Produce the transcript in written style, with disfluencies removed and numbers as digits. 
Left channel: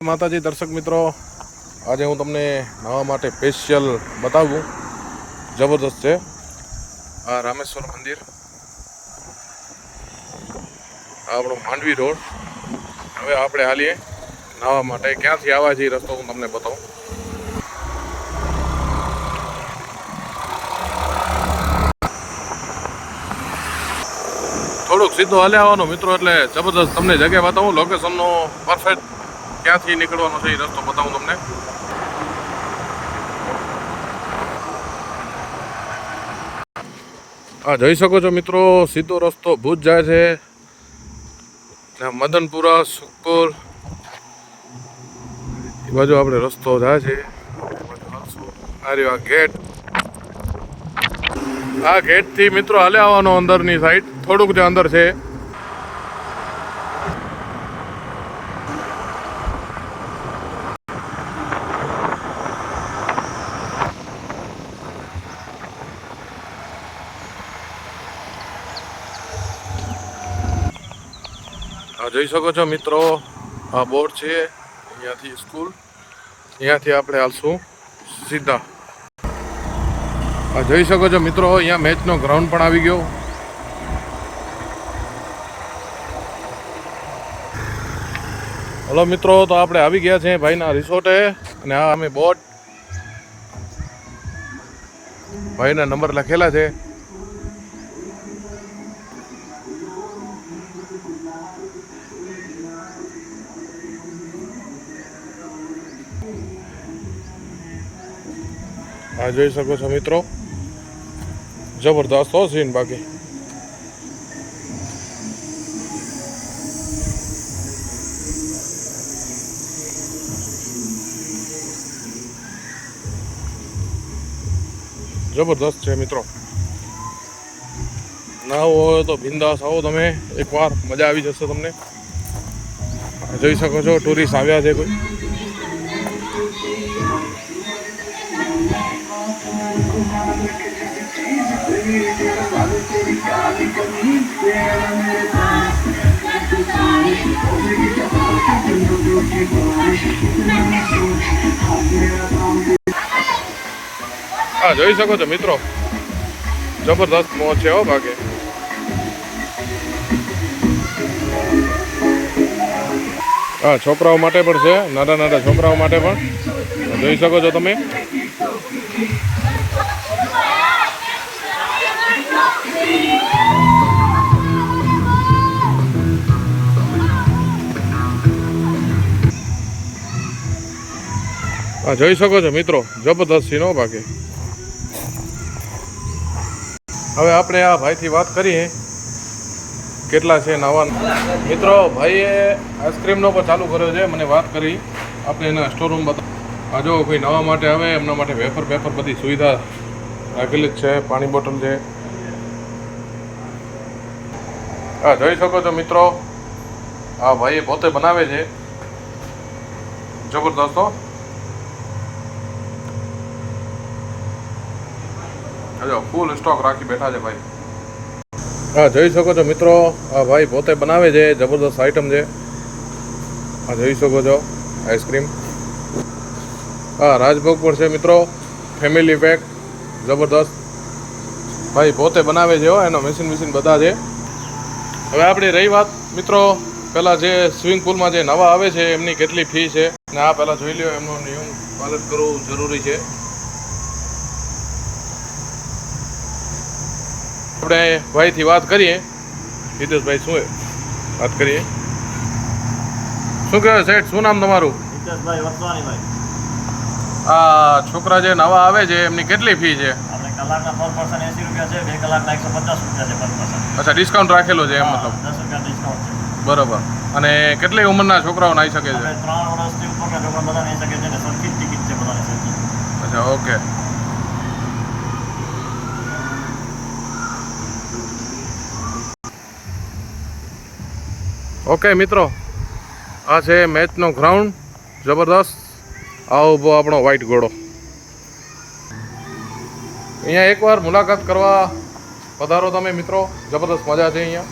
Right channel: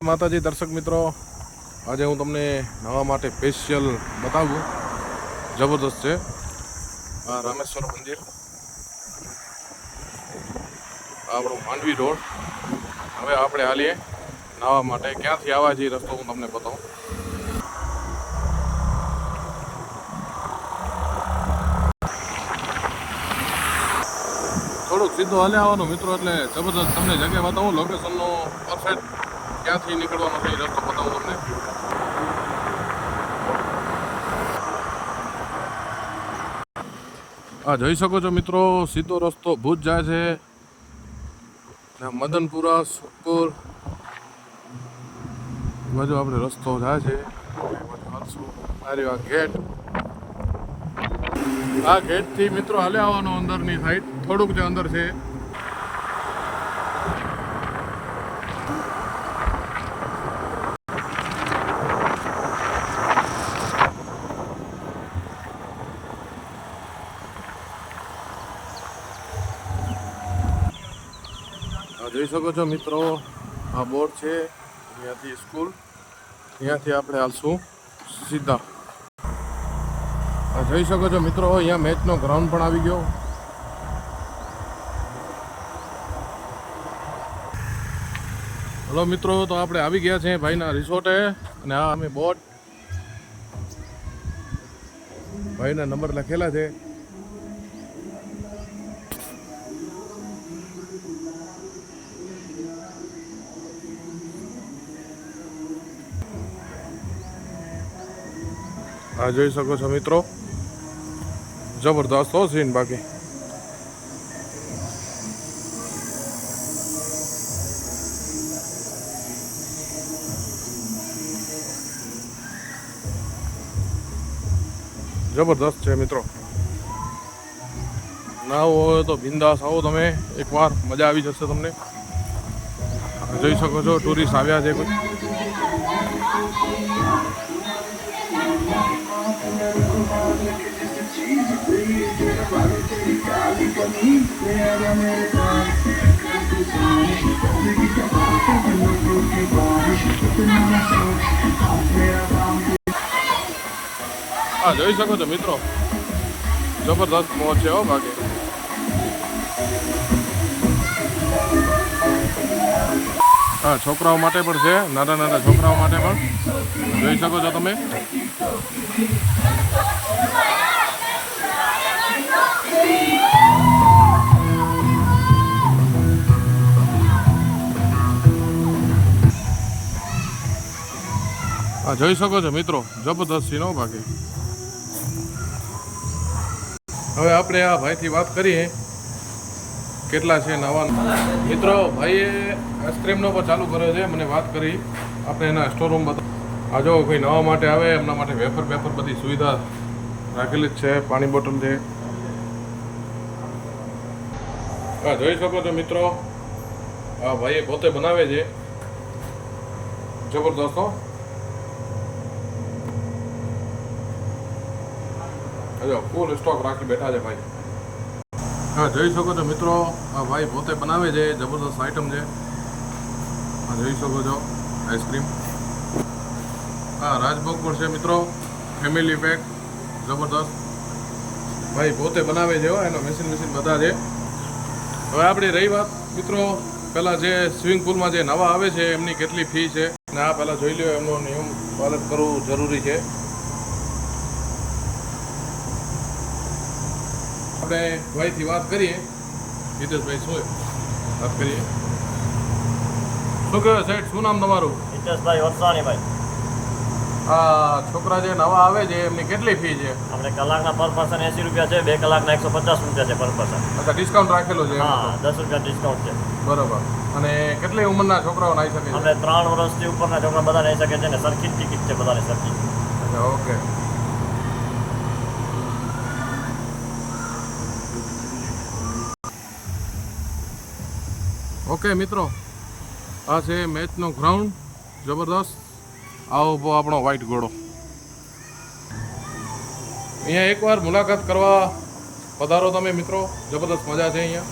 માતાજી દર્શક મિત્રો, આજે હું તમને નવા માટે સ્પેશિયલ બતાવું. જબરદસ્ત છે આ રામેશ્વર મંદિર, આ આપણો માંડવી રોડ. હવે આપણે હાલીએ નવા માટે. ક્યાંથી આવવા છે રસ્તો હું તમને બતાવું. થોડુંક સીધો હાલે આવવાનું મિત્રો, એટલે જબરદસ્ત તમને જગ્યા બતાવું. લોકેશનનો પરફેક્ટ ક્યાંથી નીકળવાનો છે એ રસ્તો બતાવું તમને. આ જોઈ શકો છો મિત્રો, સીધો રસ્તો ભુજ જાય છે, મદનપુરા, સુખપુર એ બાજુ આપણે રસ્તો જાય છે. આ ગેટ, આ ગેટથી મિત્રો હાલે આવવાનો અંદરની સાઈડ. થોડુંક જે અંદર છે. જોઈ શકો છો મિત્રો, આ બોર્ડ છે. અહીંયાથી સ્કૂલ, અહીંયાથી આપણે હાલશું સીધા. જોઈ શકો છો મિત્રો, અહીંયા મેચનો ગ્રાઉન્ડ પણ આવી ગયો. હલો મિત્રો, તો આપણે આવી ગયા છે ભાઈના રિસોર્ટે. અને આ અમે બોર્ડ, ભાઈના નંબર લખેલા છે. આ જોઈ શકો છો મિત્રો, જબરદસ્ત હો સીન. બાકી જબરદસ્ત છે મિત્રો. ના હોય તો બિંદાસ આવો તમે એકવાર, મજા આવી જશે તમને. જોઈ શકો છો ટુરિસ્ટ આવ્યા છે કોઈ. હા જોઈ શકો છો મિત્રો, જબરદસ્ત મોજ છે હો. બાકી હા છોકરાઓ માટે પણ છે, નાના નાના છોકરાઓ માટે પણ જોઈ શકો છો તમે. હા જોઈ શકો છો મિત્રો, જબરદસ્ત સીન હો. બાકી હવે આપણે આ ભાઈથી વાત કરીએ કેટલા છે નવા મિત્રો. ભાઈએ આઈસ્ક્રીમનો પણ ચાલુ કર્યો છે, મને વાત કરી. આપણે એના સ્ટોર રૂમ બતાવ. આ જો કોઈ નવા માટે આવે એમના માટે વેફર બધી સુવિધા રાખેલી જ છે. પાણી બોટલ છે. હા જોઈ શકો છો મિત્રો, આ ભાઈએ પોતે બનાવે છે. જબરદસ્ત હો. જો ફૂલ સ્ટોક રાખી બેઠા છે ભાઈ. હા જોઈ શકો છો મિત્રો, આ ભાઈ પોતે બનાવે છે. જબરદસ્ત આઈટમ છે. હા જોઈ શકો છો આઈસ્ક્રીમ. હા રાજભોગ પણ છે મિત્રો, ફેમિલી પેક. જબરદસ્ત ભાઈ પોતે બનાવે છે હો. એનો મશીન બધા છે. હવે આપણી રહી વાત મિત્રો, પહેલાં જે સ્વિમિંગ પુલમાં જે નવા આવે છે એમની કેટલી ફી છે ને આ પહેલાં જોઈ લો. એમનો નિયમ પાલન કરવું જરૂરી છે. આપણે ભાઈથી વાત કરીએ. હિતેશભાઈ, શું વાત કરીએ? શું કહેવાય સેઠ, શું નામ તમારું? હિતેશભાઈ વરસાણીભાઈ. આ છોકરા જે નવા આવે છે એમની કેટલી ફી છે? આપણે કલાકના પર પર્સન 80 રૂપિયા છે, 2 કલાકના 150 રૂપિયા છે પર પર્સન. અચ્છા, ડિસ્કાઉન્ટ રાખેલો છે એમ મતલબ? 10 રૂપિયા ડિસ્કાઉન્ટ છે. બરોબર. અને કેટલી ઉંમરના છોકરાઓ નાહી શકે છે? આપણે 3 વર્ષથી ઉપરના છોકરા બધા નાહી શકે છે ને સરખી ટિકિટ છે બધાને સરખી. અચ્છા, ઓકે. ઓકે મિત્રો, આ છે મેચનો ગ્રાઉન્ડ. જબરદસ્ત. આ ઊભો આપણો વ્હાઈટ ઘોડો. અહીંયા એકવાર મુલાકાત કરવા પધારો તમે મિત્રો, જબરદસ્ત મજા છે અહીંયા.